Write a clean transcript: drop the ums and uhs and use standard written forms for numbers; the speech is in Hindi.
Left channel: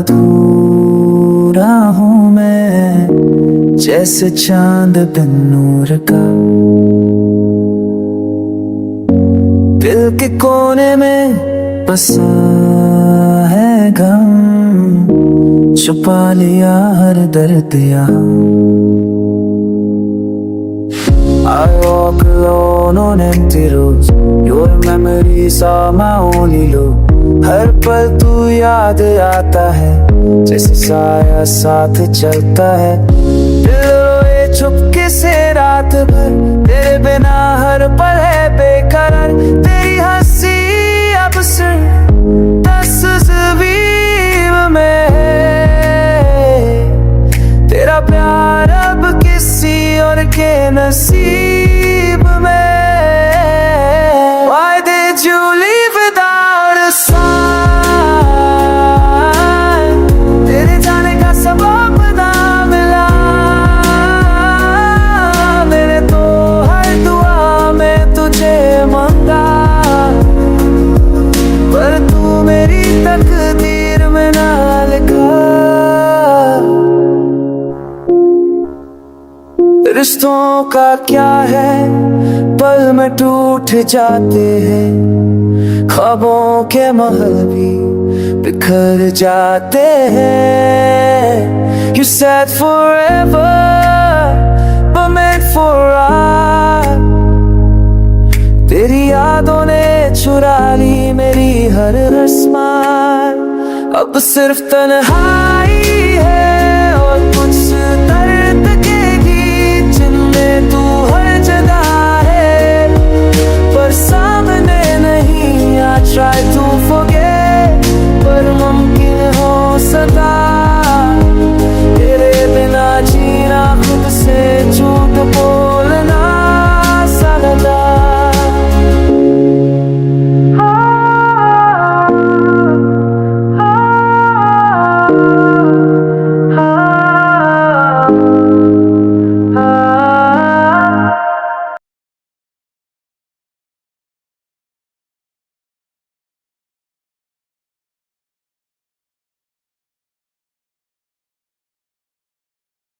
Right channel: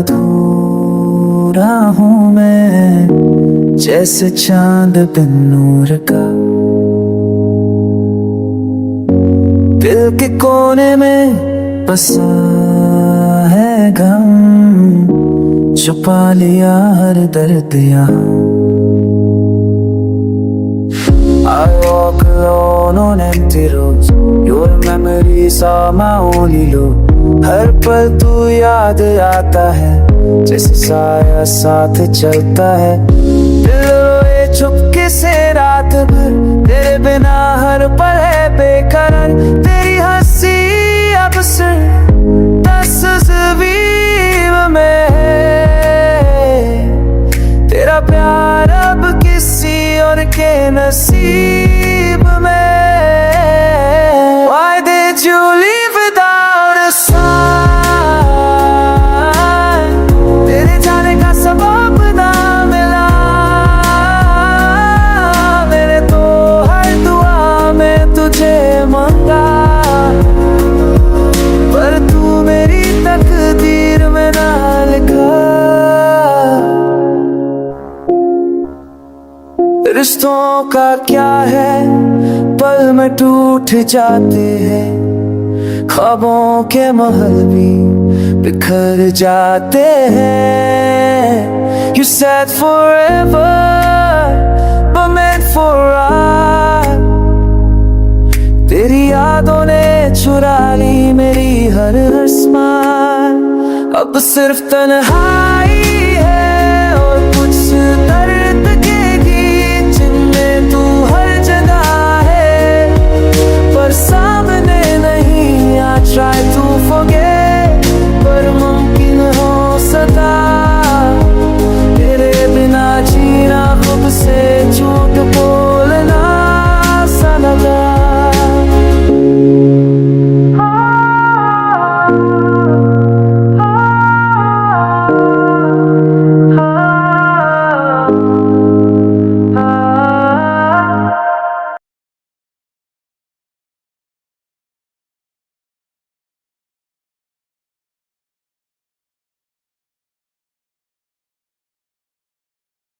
अधूरा हूँ मैं, जैसे चांद बिन नूर का। दिल के कोने में बसा है गम, छुपा लिया हर दर्द यहाँ। I walk alone on empty roads, your memories are my only loop. हर पल तू याद आता है, जैसे साया साथ चलता है। दिल रोए चुपके से रात भर, तेरे बिना हर पल है बेकरार। तेरी हंसी अब सिर्फ तस्वीर में है, तेरा प्यार अब किसी और के नसीब में। Why did you leave without a sign? तेरे जाने का सबब ना मिला, मैंने तो हर दुआ में तुझे मांगा, पर तू मेरी तकदीर में ना लिखा। रिश्तों का क्या है, पल में टूट जाते हैं, ख्वाबों के महल भी बिखर जाते हैं। You said forever, but meant for us। तेरी यादों ने चुरा ली मेरी हर स्माइल, अब सिर्फ तन्हाई है और कुछ दर्द के गीत जिनमें तू हर जगह है, पर सामने नहीं। I try to forget, पर मुमकिन हो सका, तेरे बिना जीना खुद से झूठ बोलना सा लगा।